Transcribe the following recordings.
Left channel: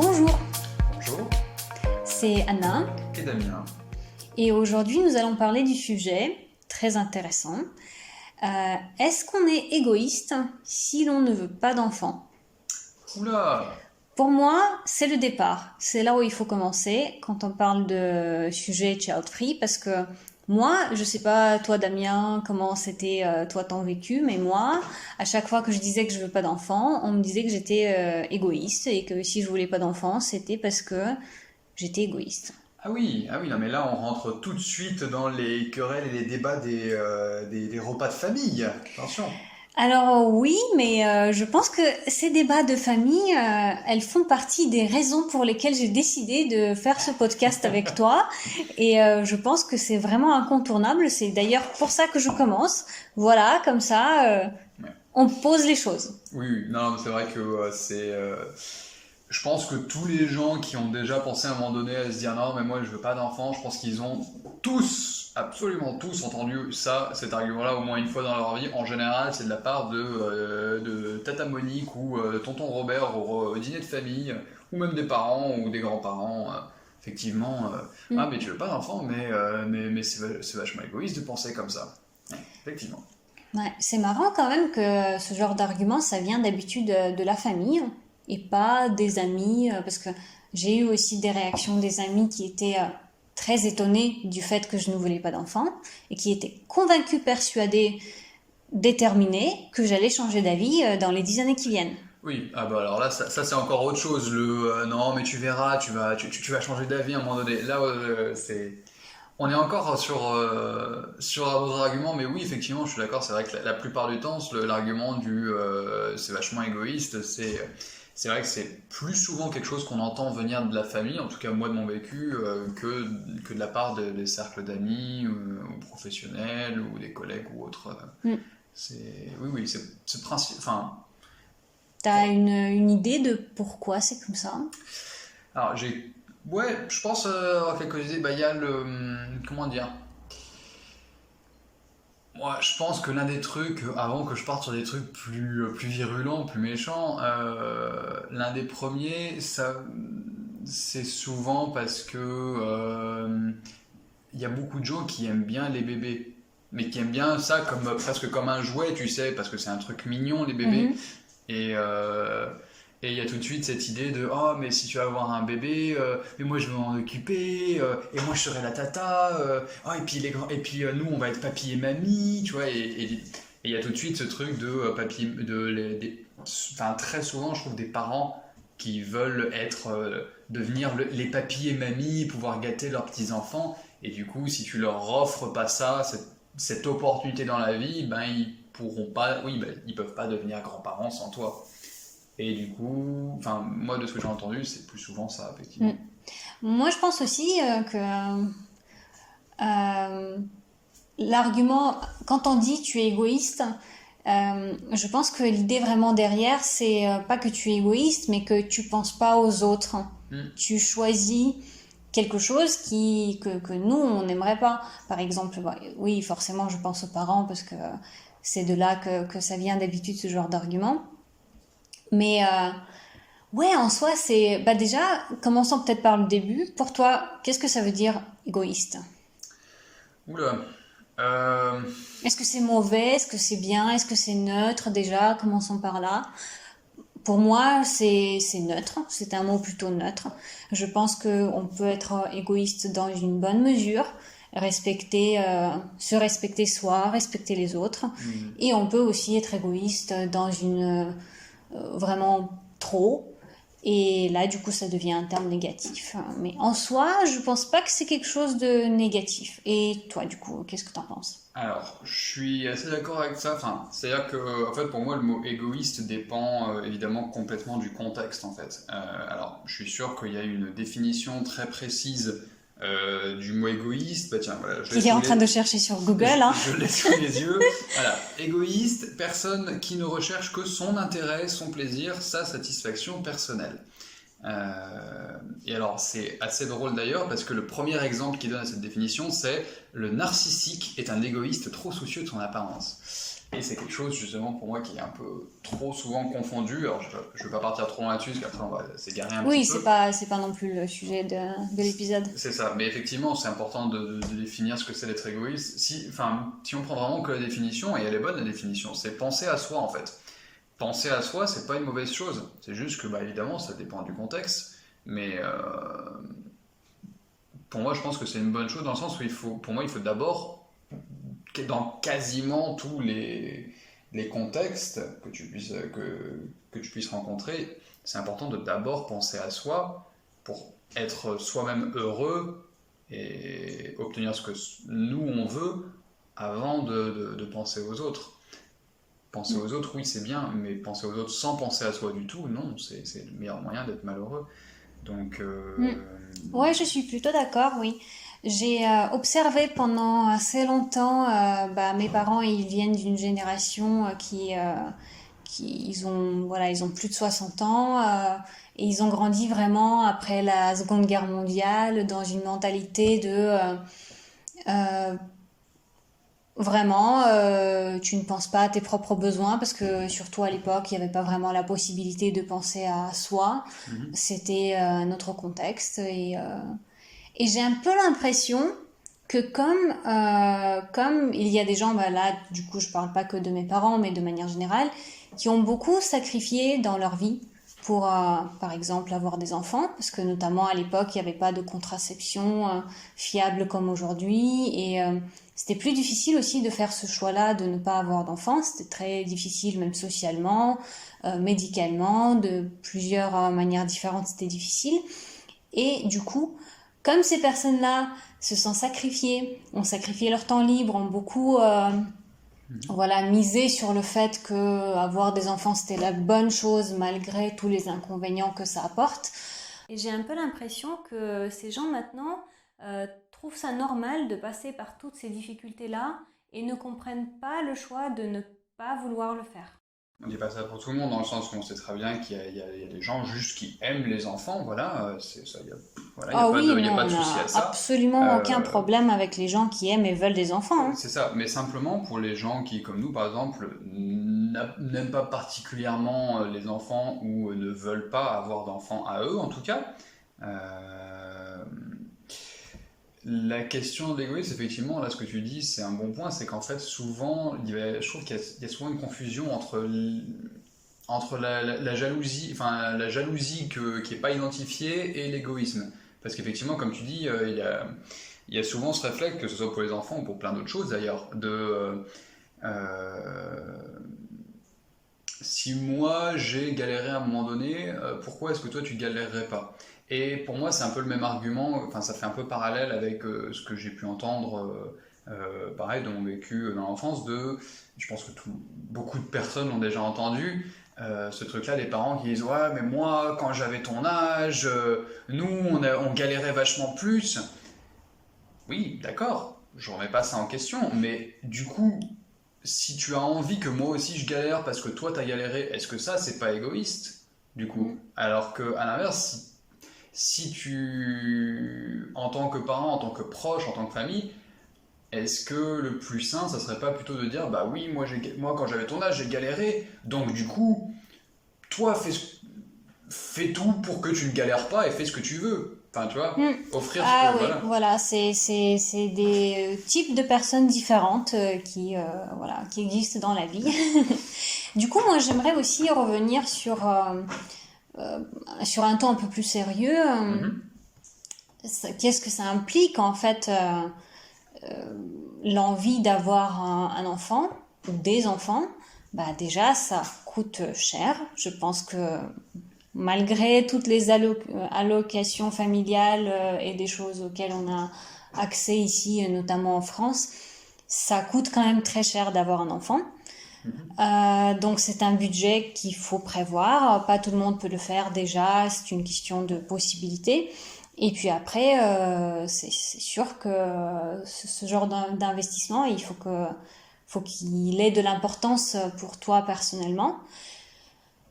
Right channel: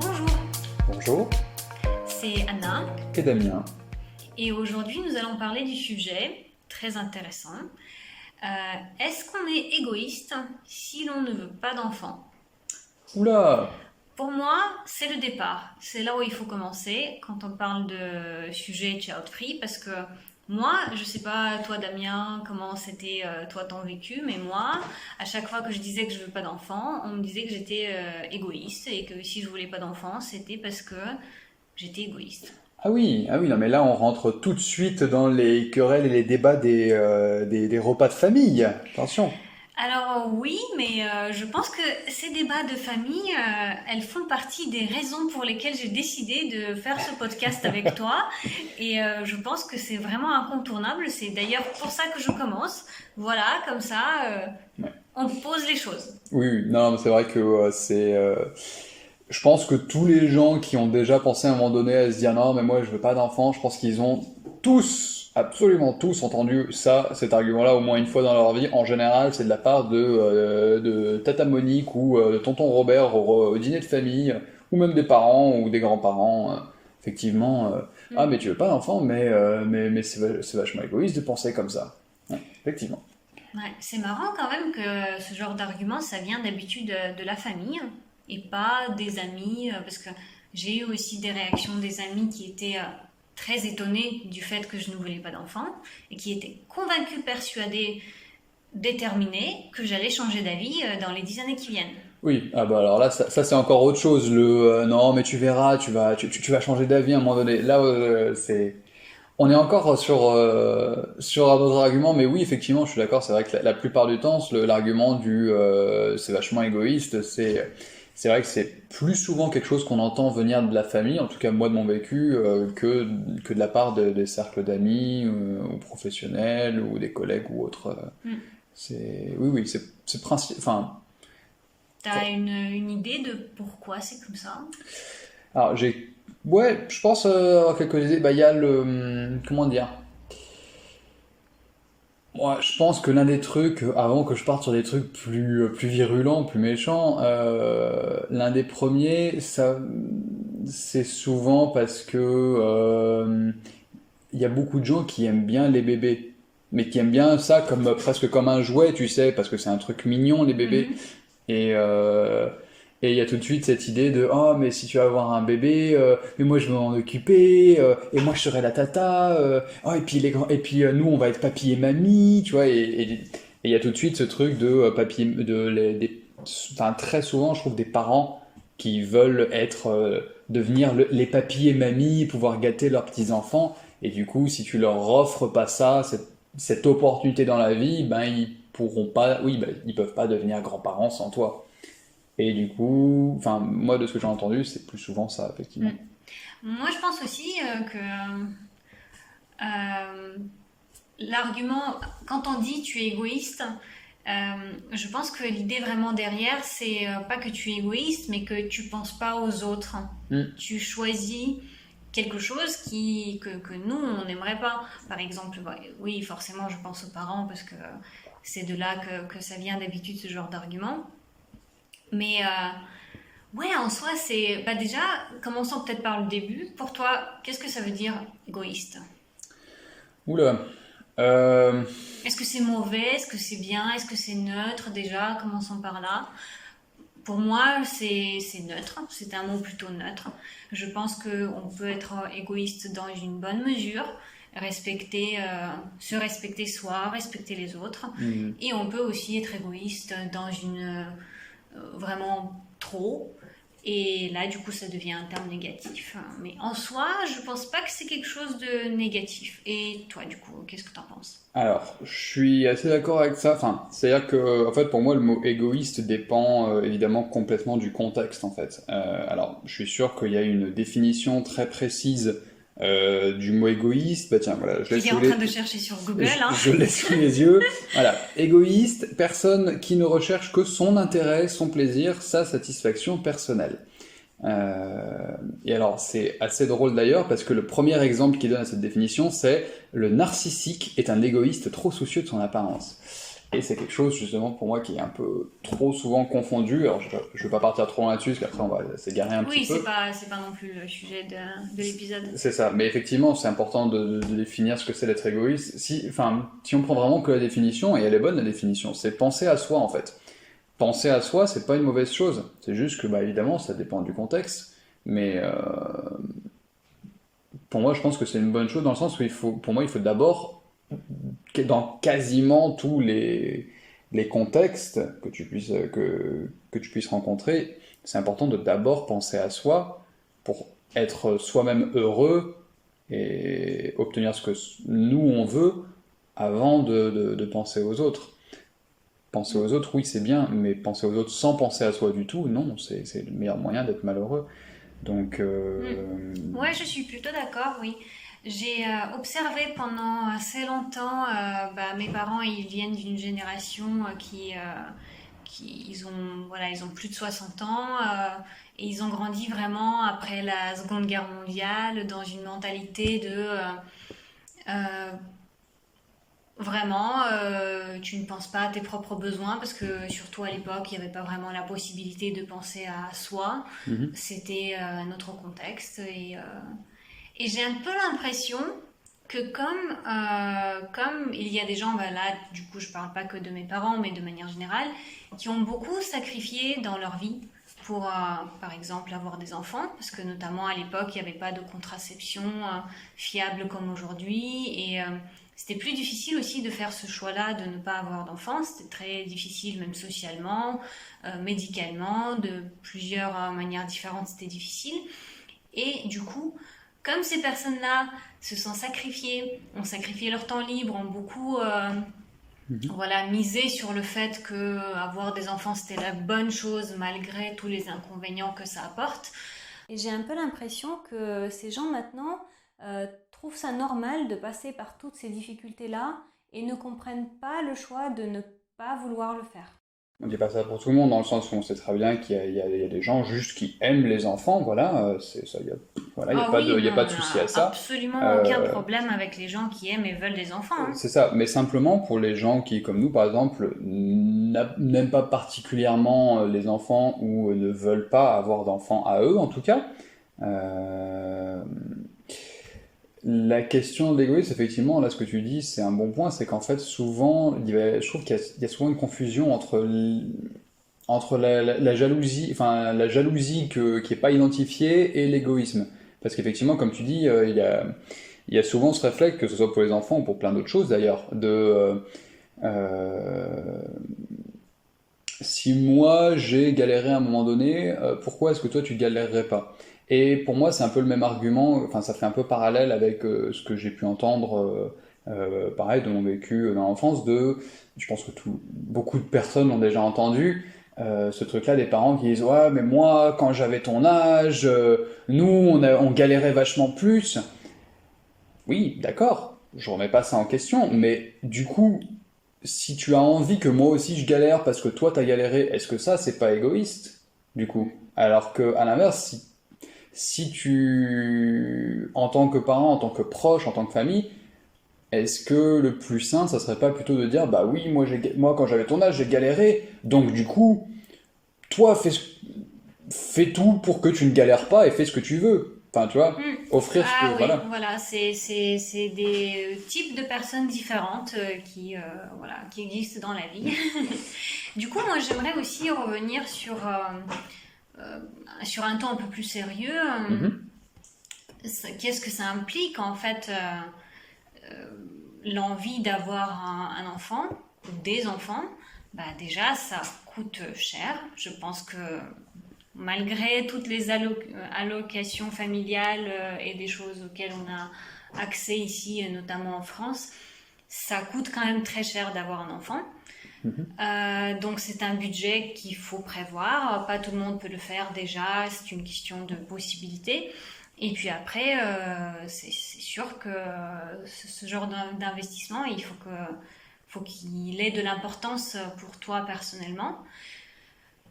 Bonjour, Bonjour, c'est Anna et Damien. et aujourd'hui nous allons parler du sujet très intéressant. Est-ce qu'on est égoïste si l'on ne veut pas d'enfants? Oula! Pour moi, c'est le départ. C'est là où il faut commencer quand on parle de sujet child-free parce que moi, je sais pas toi Damien comment c'était toi ton vécu, mais moi, à chaque fois que je disais que je veux pas d'enfants, on me disait que j'étais égoïste et que si je voulais pas d'enfants, c'était parce que j'étais égoïste. Ah oui, non, mais là on rentre tout de suite dans les querelles et les débats des repas de famille. Attention. Alors oui, mais je pense que ces débats de famille, elles font partie des raisons pour lesquelles j'ai décidé de faire ce podcast avec toi. Et je pense que c'est vraiment incontournable. C'est d'ailleurs pour ça que je commence. Voilà, comme ça, Ouais. on pose les choses. Oui, non, mais c'est vrai que je pense que tous les gens qui ont déjà pensé à un moment donné à se dire non, mais moi je veux pas d'enfant, je pense qu'ils ont tous, absolument tous entendu cet argument-là au moins une fois dans leur vie. En général, c'est de la part de Tata Monique ou de Tonton Robert au dîner de famille, ou même des parents ou des grands-parents. Effectivement, ah mais tu veux pas d'enfant, mais c'est vachement égoïste de penser comme ça. Ouais, effectivement. Ouais, c'est marrant quand même que ce genre d'argument, ça vient d'habitude de la famille et pas des amis, parce que j'ai eu aussi des réactions des amis qui étaient très étonnés du fait que je ne voulais pas d'enfant et qui étaient convaincus, persuadés, déterminés que j'allais changer d'avis dans les 10 années qui viennent. Oui, ah bah alors là, ça, c'est encore autre chose. Non, mais tu verras, tu vas changer d'avis à un moment donné. Là, on est encore sur un autre argument, mais oui, effectivement, je suis d'accord. C'est vrai que la plupart du temps, l'argument c'est vachement égoïste, c'est vrai que c'est plus souvent quelque chose qu'on entend venir de la famille, en tout cas moi de mon vécu, que de la part des cercles d'amis ou professionnels ou des collègues ou autres. Mm. Oui, c'est principe. Enfin. T'as une idée de pourquoi c'est comme ça? Alors, ouais, je pense avoir quelques idées. Bah, il y a comment dire? Moi, je pense que l'un des trucs, avant que je parte sur des trucs plus virulents, plus méchants, l'un des premiers, c'est souvent parce que il y a beaucoup de gens qui aiment bien les bébés. Mais qui aiment bien ça presque comme un jouet, tu sais, parce que c'est un truc mignon, les bébés. Mhm. Et et il y a tout de suite cette idée de oh mais si tu vas avoir un bébé, mais moi je vais m'en occuper, et moi je serai la tata, oh et puis nous on va être papy et mamie, tu vois, et il y a tout de suite ce truc de papy, enfin très souvent je trouve des parents qui veulent devenir les papy et mamies, pouvoir gâter leurs petits enfants, et du coup si tu leur offres pas ça, cette opportunité dans la vie, ben ils pourront pas, oui, ben, ils peuvent pas devenir grands-parents sans toi. Et du coup, enfin, moi, de ce que j'ai entendu, c'est plus souvent ça, Mm. effectivement. Moi, je pense aussi que euh, l'argument, quand on dit tu es égoïste, je pense que l'idée vraiment derrière, c'est pas que tu es égoïste, mais que tu penses pas aux autres. Mm. Tu choisis quelque chose que nous, on n'aimerait pas. Par exemple, bah, oui, forcément, je pense aux parents parce que c'est de là que ça vient d'habitude, ce genre d'argument. Mais ouais, en soi, c'est... Bah déjà, commençons peut-être par le début. Pour toi, qu'est-ce que ça veut dire égoïste? Oula. Euh, Est-ce que c'est mauvais? Est-ce que c'est bien? Est-ce que c'est neutre déjà? Commençons par là. Pour moi, c'est neutre. C'est un mot plutôt neutre. Je pense qu'on peut être égoïste dans une bonne mesure, se respecter soi, respecter les autres. hmm. Et on peut aussi être égoïste dans une vraiment trop. Et là, du coup, ça devient un terme négatif. Mais en soi, je pense pas que c'est quelque chose de négatif. Et toi, du coup, qu'est-ce que t'en penses? Alors, je suis assez d'accord avec ça. Enfin, c'est-à-dire que, en fait, pour moi, le mot égoïste dépend évidemment complètement du contexte, en fait. Alors, je suis sûr qu'il y a une définition très précise du mot égoïste. Bah tiens, voilà, Il est en train de chercher sur Google, hein. je laisse sous les yeux. Voilà, égoïste, personne qui ne recherche que son intérêt, son plaisir, sa satisfaction personnelle. Et alors, c'est assez drôle d'ailleurs, parce que le premier exemple qui donne à cette définition, c'est le narcissique est un égoïste trop soucieux de son apparence. Et c'est quelque chose justement pour moi qui est un peu trop souvent confondu. Alors je ne vais pas partir trop loin là-dessus parce qu'après on va s'égarer un petit Oui, peu. c'est pas non plus le sujet de l'épisode. C'est ça, mais effectivement c'est important de définir ce que c'est d'être égoïste. Si on prend vraiment que la définition, et elle est bonne la définition, c'est penser à soi en fait. Penser à soi, c'est pas une mauvaise chose. C'est juste que bah, évidemment ça dépend du contexte. Mais pour moi je pense que c'est une bonne chose dans le sens où pour moi il faut d'abord dans quasiment tous les contextes que tu puisses rencontrer, c'est important de d'abord penser à soi pour être soi-même heureux et obtenir ce que nous on veut avant de penser aux autres. Penser aux autres, oui, c'est bien, mais penser aux autres sans penser à soi du tout, non, c'est le meilleur moyen d'être malheureux. Donc, Mm. Ouais, je suis plutôt d'accord, oui. J'ai observé pendant assez longtemps, bah, mes parents, ils viennent d'une génération ils ont plus de 60 ans, et ils ont grandi vraiment après la Seconde Guerre mondiale dans une mentalité euh, vraiment, tu ne penses pas à tes propres besoins parce que surtout à l'époque, il n'y avait pas vraiment la possibilité de penser à soi. mhm, C'était un autre contexte et j'ai un peu l'impression que comme il y a des gens, bah là, du coup, je parle pas que de mes parents, mais de manière générale, qui ont beaucoup sacrifié dans leur vie pour, par exemple, avoir des enfants, parce que notamment à l'époque, il n'y avait pas de contraception fiable comme aujourd'hui, et c'était plus difficile aussi de faire ce choix-là, de ne pas avoir d'enfants. C'était très difficile, même socialement, médicalement, de plusieurs manières différentes, c'était difficile. Et du coup, comme ces personnes-là se sont sacrifiées, ont sacrifié leur temps libre, ont beaucoup mhm. voilà, misé sur le fait que avoir des enfants c'était la bonne chose malgré tous les inconvénients que ça apporte. Et j'ai un peu l'impression que ces gens maintenant trouvent ça normal de passer par toutes ces difficultés-là et ne comprennent pas le choix de ne pas vouloir le faire. On dit pas ça pour tout le monde, dans le sens où on sait très bien qu'il y a des gens juste qui aiment les enfants, voilà, c'est ça, voilà, Ah oui, il y non, a pas on de souci à n'a ça. absolument aucun Euh, problème avec les gens qui aiment et veulent des enfants, hein. c'est ça, mais simplement pour les gens qui, comme nous par exemple, n'aiment pas particulièrement les enfants ou ne veulent pas avoir d'enfants à eux en tout cas, euh, la question de l'égoïsme, effectivement, là ce que tu dis, c'est un bon point, c'est qu'en fait souvent, je trouve qu'il y a souvent une confusion entre la jalousie, enfin la jalousie qui est pas identifiée et l'égoïsme. Parce qu'effectivement, comme tu dis, il y a souvent ce réflexe, que ce soit pour les enfants ou pour plein d'autres choses d'ailleurs, euh, si moi j'ai galéré à un moment donné, pourquoi est-ce que toi tu galérerais pas? Et pour moi c'est un peu le même argument, enfin ça fait un peu parallèle avec ce que j'ai pu entendre, pareil, de mon vécu dans l'enfance, je pense que beaucoup de personnes l'ont déjà entendu, ce truc-là des parents qui disent ouais mais moi quand j'avais ton âge, nous on galérait vachement plus. Oui, d'accord, je remets pas ça en question, mais du coup, si tu as envie que moi aussi je galère parce que toi t'as galéré, est-ce que ça c'est pas égoïste du coup? Alors que à l'inverse, si tu, en tant que parent, en tant que proche, en tant que famille, est-ce que le plus sain, ça serait pas plutôt de dire bah oui, moi quand j'avais ton âge j'ai galéré, donc du coup, toi fais tout pour que tu ne galères pas et fais ce que tu veux. Enfin, tu vois, Hmm. offrir ce que, Ah oui, voilà. voilà, c'est des types de personnes différentes voilà, qui existent dans la vie. Du coup, moi, j'aimerais aussi revenir euh, sur un ton un peu plus sérieux. Mhm, Qu'est-ce que ça implique, en fait, l'envie d'avoir un enfant ou des enfants? Bah, déjà, ça coûte cher. Je pense que malgré toutes les allocations familiales et des choses auxquelles on a accès ici, notamment en France, ça coûte quand même très cher d'avoir un enfant. mhm. Donc c'est un budget qu'il faut prévoir. Pas tout le monde peut le faire déjà, c'est une question de possibilité. Et puis après, c'est sûr que ce genre d'investissement, faut qu'il ait de l'importance pour toi personnellement.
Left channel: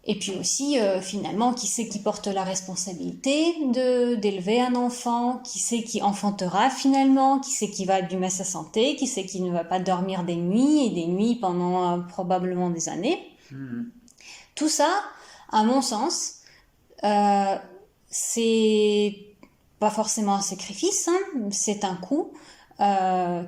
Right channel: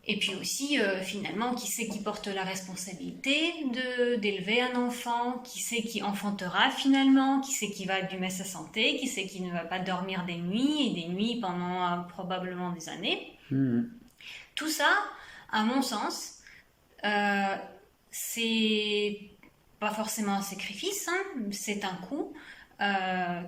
Et puis aussi, finalement, qui c'est qui porte la responsabilité d'élever un enfant, qui c'est qui enfantera finalement, qui c'est qui va abîmer sa santé, qui c'est qui ne va pas dormir des nuits et des nuits pendant probablement des années. Mhm. Tout ça, à mon sens, c'est pas forcément un sacrifice, hein, c'est un coût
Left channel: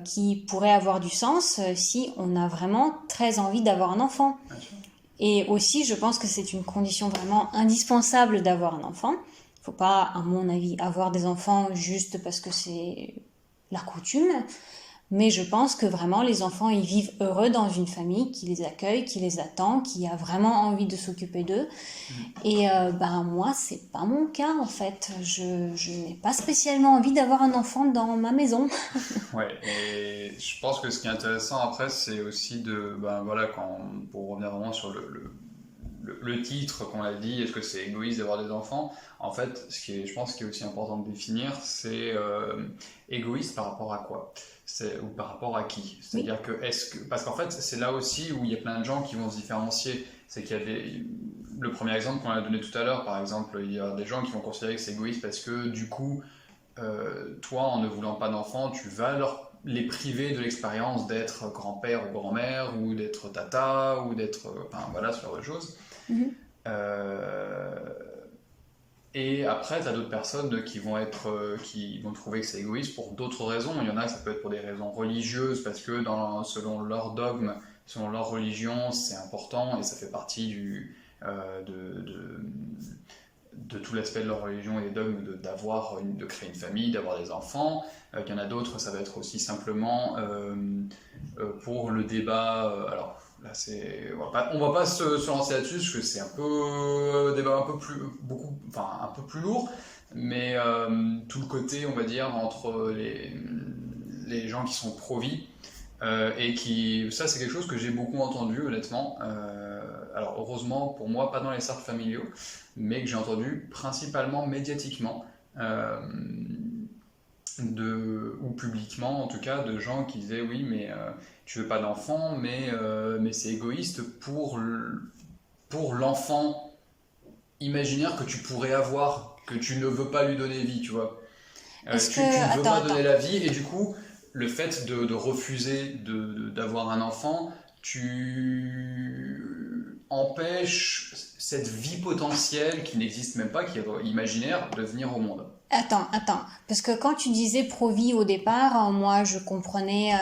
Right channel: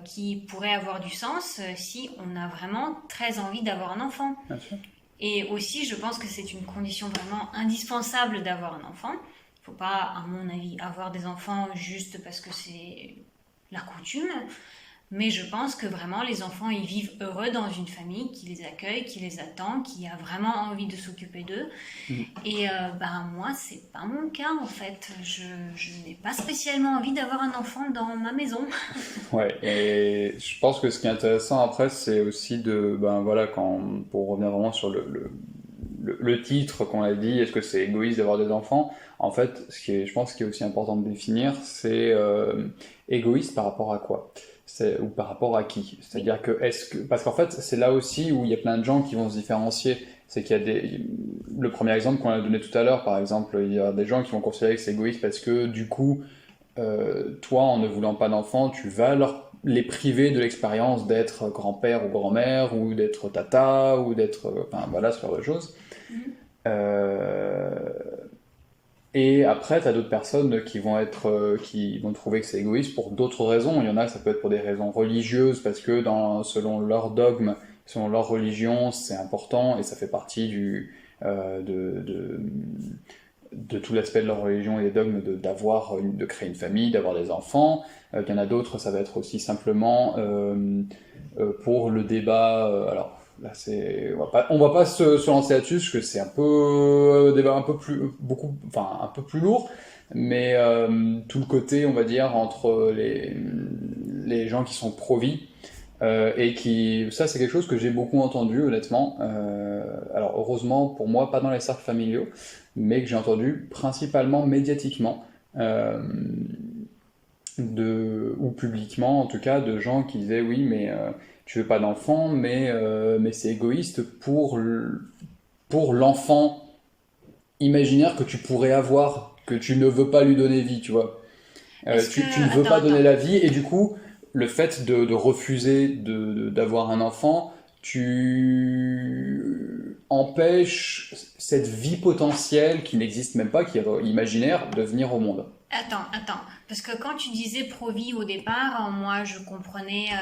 qui pourrait avoir du sens si on a vraiment très envie d'avoir un enfant. Bien sûr. Et aussi, je pense que c'est une condition vraiment indispensable d'avoir un enfant. Il ne faut pas, à mon avis, avoir des enfants juste parce que c'est la coutume. Mais je pense que vraiment, les enfants, ils vivent heureux dans une famille qui les accueille, qui les attend, qui a vraiment envie de s'occuper d'eux. Et moi, c'est pas mon cas, en fait. Je n'ai pas spécialement envie d'avoir un enfant dans ma maison. Ouais, et je pense que ce qui est intéressant après, c'est aussi pour revenir vraiment sur le titre qu'on a dit, est-ce que c'est égoïste d'avoir des enfants? En fait, je pense qui est aussi important de définir, c'est égoïste par rapport à quoi? Ou par rapport à qui? C'est-à-dire parce qu'en fait, c'est là aussi où il y a plein de gens qui vont se différencier. C'est qu'il y a le premier exemple qu'on a donné tout à l'heure, par exemple, il y a des gens qui vont considérer que c'est égoïste parce que du coup, toi, en ne voulant pas d'enfants, tu vas les priver de l'expérience d'être grand-père ou grand-mère, ou d'être tata, ou d'être... Enfin, voilà, ce genre de choses. Mhm. Euh, Et après, tu as d'autres personnes qui vont trouver que c'est égoïste pour d'autres raisons. Il y en a, ça peut être pour des raisons religieuses, parce que selon leur dogme, selon leur religion, c'est important, et ça fait partie de tout l'aspect de leur religion et des dogmes de créer une famille, d'avoir des enfants. Il y en a d'autres, ça va être aussi simplement pour le débat. Alors là, on va pas se lancer là-dessus parce que c'est un peu débat un peu plus un peu plus lourd, mais tout le côté, on va dire, entre les gens qui sont pro-vie. Ça c'est quelque chose que j'ai beaucoup entendu honnêtement, alors heureusement pour moi pas dans les cercles familiaux, mais que j'ai entendu principalement médiatiquement, ou publiquement en tout cas, de gens qui disaient oui mais tu veux pas d'enfant, mais c'est égoïste pour l'enfant imaginaire que tu pourrais avoir, que tu ne veux pas lui donner vie, tu vois. Tu ne veux pas donner la vie, et du coup le fait de refuser d'avoir un enfant, tu empêches cette vie potentielle qui n'existe même pas, qui est imaginaire, de venir au monde. Attends, parce que quand tu disais pro-vie au départ, moi je comprenais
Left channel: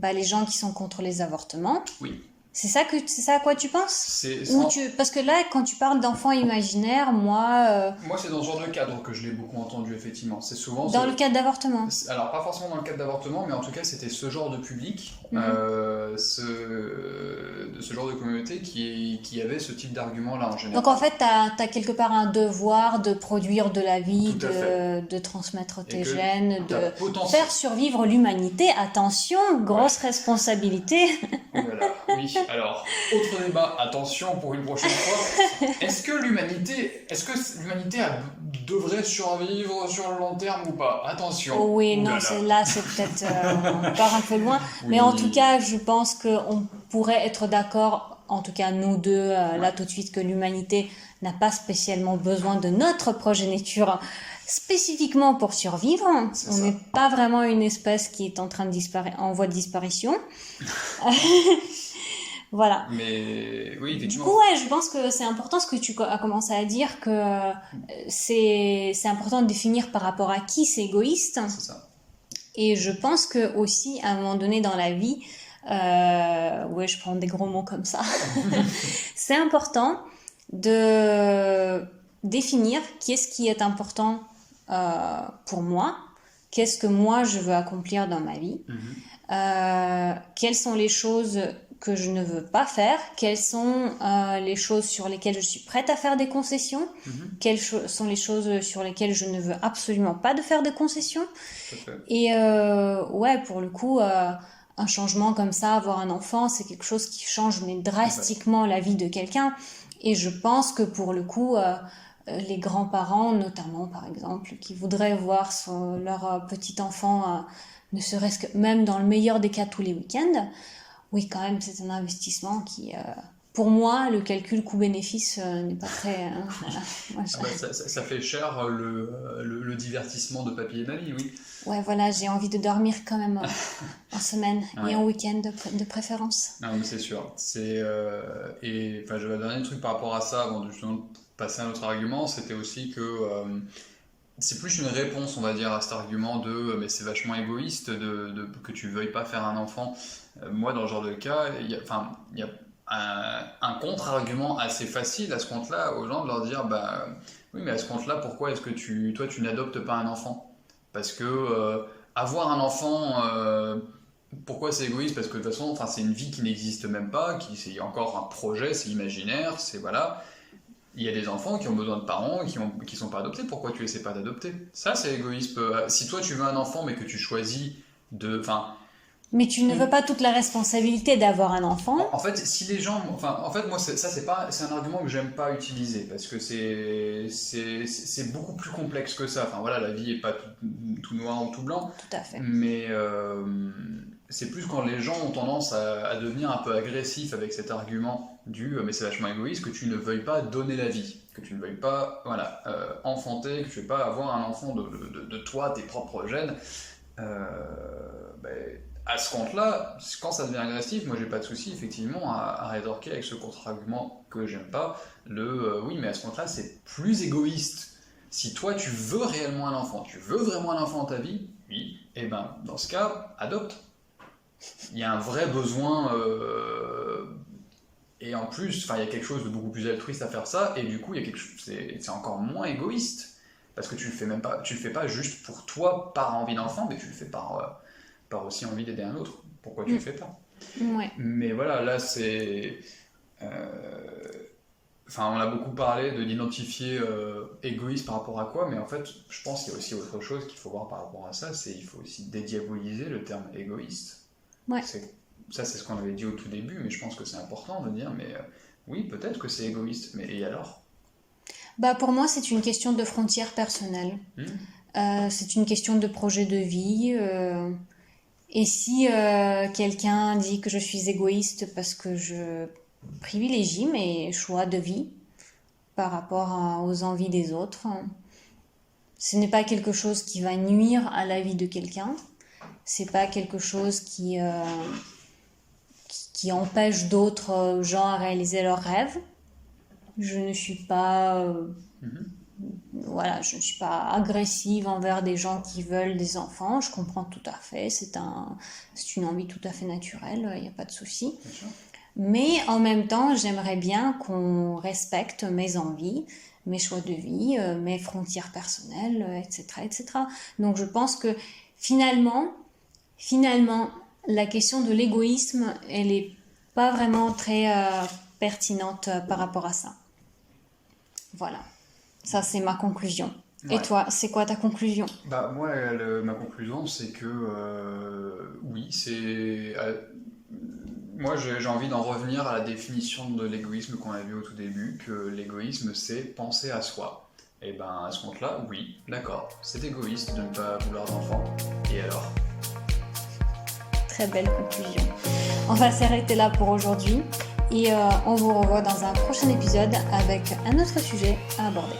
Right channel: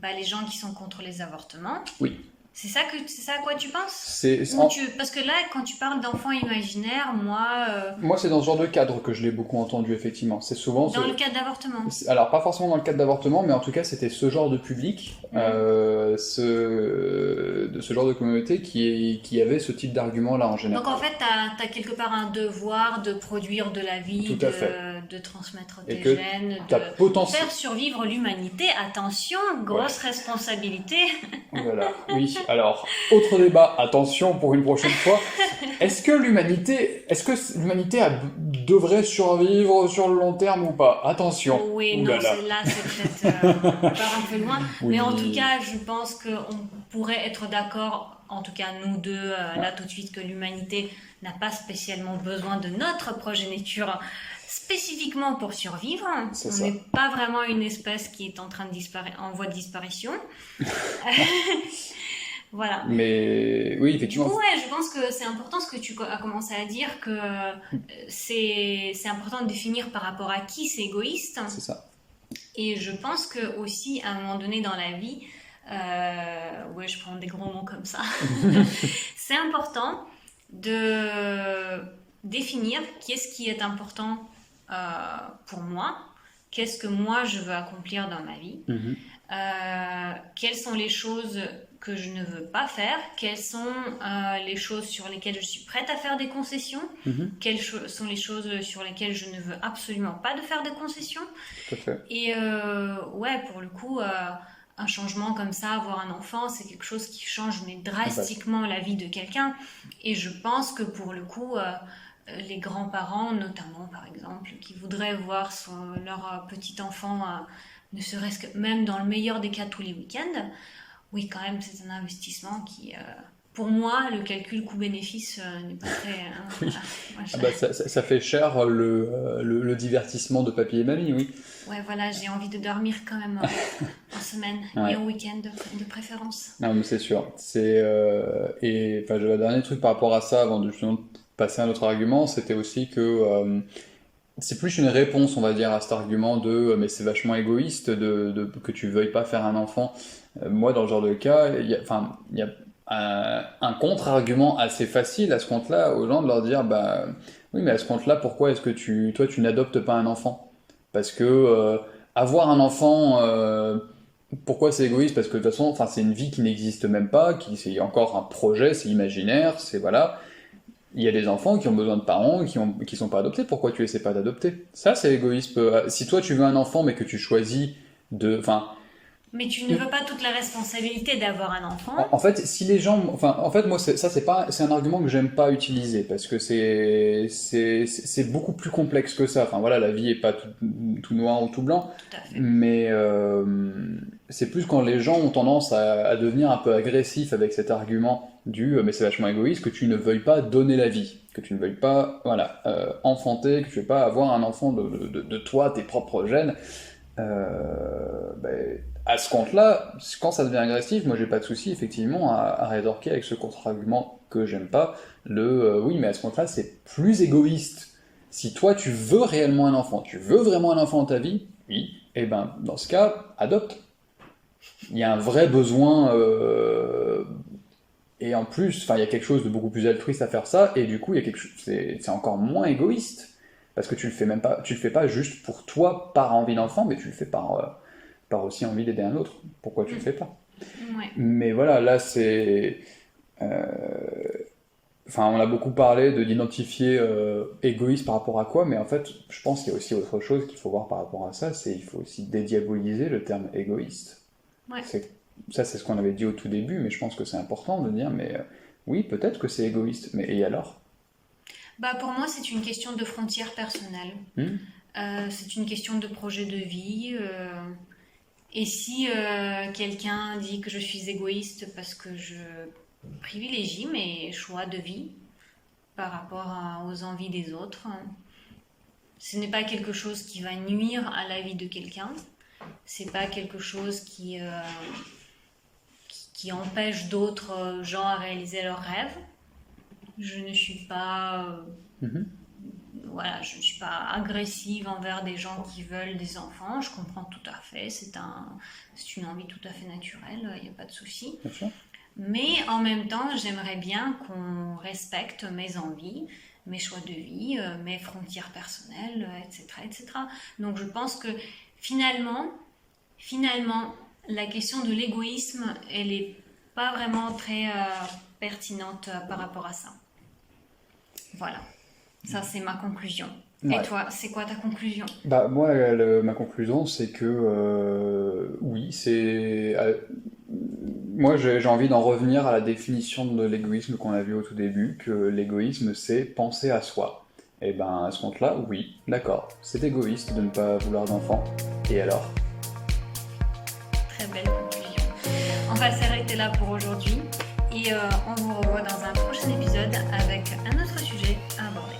les gens qui sont contre les avortements. Oui. C'est ça à quoi tu penses? Ou Parce que là, quand tu parles d'enfants imaginaires, moi... Moi, c'est dans ce genre de cadre que je l'ai beaucoup entendu, effectivement. C'est souvent... Dans le cadre d'avortement? Alors, pas forcément dans le cadre d'avortement, mais en tout cas, c'était ce genre de public, de ce genre de communauté qui avait ce type d'argument-là en général. Donc en fait, t'as quelque part un devoir de produire de la vie, de transmettre tes gènes, de faire survivre l'humanité. Attention, grosse responsabilité. Voilà, oui. Alors, autre débat, attention pour une prochaine fois. Est-ce que l'humanité devrait survivre sur le long terme ou pas? Attention. Oui, non, c'est peut-être on part un peu loin. Oui. Mais en tout cas, je pense qu'on pourrait être d'accord, en tout cas nous deux, là tout de suite, que l'humanité n'a pas spécialement besoin de notre progéniture spécifiquement pour survivre. On n'est pas vraiment une espèce qui est en voie de disparition. Voilà. Mais oui, effectivement. Du coup, je pense que c'est important ce que tu as commencé à dire, que c'est important de définir par rapport à qui c'est égoïste. C'est ça. Et je pense que aussi, à un moment donné dans la vie, je prends des gros mots comme ça, c'est important de définir qu'est-ce qui est important pour moi, qu'est-ce que moi je veux accomplir dans ma vie, quelles sont les choses que je ne veux pas faire, quelles sont les choses sur lesquelles je suis prête à faire des concessions, quelles sont les choses sur lesquelles je ne veux absolument pas de faire des concessions. Tout à fait. Et pour le coup, un changement comme ça, avoir un enfant, c'est quelque chose qui change mais drastiquement la vie de quelqu'un. Et je pense que pour le coup, les grands-parents, notamment par exemple, qui voudraient voir leur petit enfant, ne serait-ce que même dans le meilleur des cas tous les week-ends, oui, quand même, c'est un investissement pour moi, le calcul coût-bénéfice n'est pas très... voilà. Moi, Ah bah, ça fait cher le divertissement de papy et mamie, oui. Ouais, voilà, j'ai envie de dormir quand même en semaine Ouais. et en week-end de préférence. Non, mais c'est sûr. Et enfin, j'avais un dernier truc par rapport à ça, avant de justement passer à un autre argument, c'était aussi que c'est plus une réponse, on va dire, à cet argument de mais c'est vachement égoïste que tu veuilles pas faire un enfant. Moi, dans ce genre de cas, il y a un contre-argument assez facile à ce compte-là, aux gens de leur dire bah oui, mais à ce compte-là, pourquoi est-ce que toi, tu n'adoptes pas un enfant? Parce que avoir un enfant, pourquoi c'est égoïste? Parce que de toute façon, enfin, c'est une vie qui n'existe même pas, c'est encore un projet, c'est imaginaire, c'est voilà. Il y a des enfants qui ont besoin de parents qui sont pas adoptés. Pourquoi tu essaies pas d'adopter? Ça, c'est égoïste. Si toi tu veux un enfant, mais que tu choisis enfin, Mais tu ne veux pas toute la responsabilité d'avoir un enfant. en fait, si les gens, enfin, en fait, moi, c'est un argument que j'aime pas utiliser parce que c'est beaucoup plus complexe que ça. Enfin, voilà, la vie est pas tout noir ou tout blanc, Tout à fait. mais c'est plus quand les gens ont tendance à devenir un peu agressifs avec cet argument mais c'est vachement égoïste que tu ne veuilles pas donner la vie, que tu ne veuilles pas, voilà, enfanter, que tu ne veuilles pas avoir un enfant de toi, tes propres gènes. Ben, à ce compte-là, quand ça devient agressif, moi j'ai pas de souci effectivement à rétorquer avec ce contre-argument que j'aime pas, oui, mais à ce compte-là, c'est plus égoïste. Si toi tu veux réellement un enfant, tu veux vraiment un enfant dans ta vie, oui, et ben dans ce cas, adopte. Il y a un vrai besoin, et en plus, enfin, il y a quelque chose de beaucoup plus altruiste à faire ça, et du coup, il y a quelque chose, c'est encore moins égoïste, parce que tu le fais pas juste pour toi par envie d'enfant, mais tu le fais par aussi envie d'aider un autre. Pourquoi tu le fais pas? Ouais. Mais voilà, là euh, enfin, on a beaucoup parlé d'identifier égoïste par rapport à quoi, mais en fait, je pense qu'il y a aussi autre chose qu'il faut voir par rapport à ça, il faut aussi dédiaboliser le terme égoïste. Ouais. Ça, c'est ce qu'on avait dit au tout début, mais je pense que c'est important de dire, mais oui, peut-être que c'est égoïste, mais et alors? Bah, pour moi, c'est une question de frontières personnelles. C'est une question de projet de vie. Et si quelqu'un dit que je suis égoïste parce que je privilégie mes choix de vie par rapport aux envies des autres, ce n'est pas quelque chose qui va nuire à la vie de quelqu'un. C'est pas quelque chose qui empêche d'autres gens à réaliser leurs rêves. Je ne suis pas voilà, je ne suis pas agressive envers des gens qui veulent des enfants. Je comprends tout à fait. C'est une envie tout à fait naturelle. Il n'y a pas de souci. Bien sûr. Mais en même temps, j'aimerais bien qu'on respecte mes envies, mes choix de vie, mes frontières personnelles, etc., etc. Donc je pense que finalement, la question de l'égoïsme, elle n'est pas vraiment très pertinente par rapport à ça. Voilà. Ça, c'est ma conclusion. Ouais. Et toi, c'est quoi ta conclusion? Bah, moi, ma conclusion, c'est que oui, moi, j'ai envie d'en revenir à la définition de l'égoïsme qu'on a vu au tout début, que l'égoïsme, c'est penser à soi. Et ben, à ce compte-là, oui, d'accord, c'est égoïste de ne pas vouloir d'enfant. Et alors? Très belle conclusion. On va s'arrêter là pour aujourd'hui et on vous revoit dans un prochain épisode avec un autre sujet à aborder.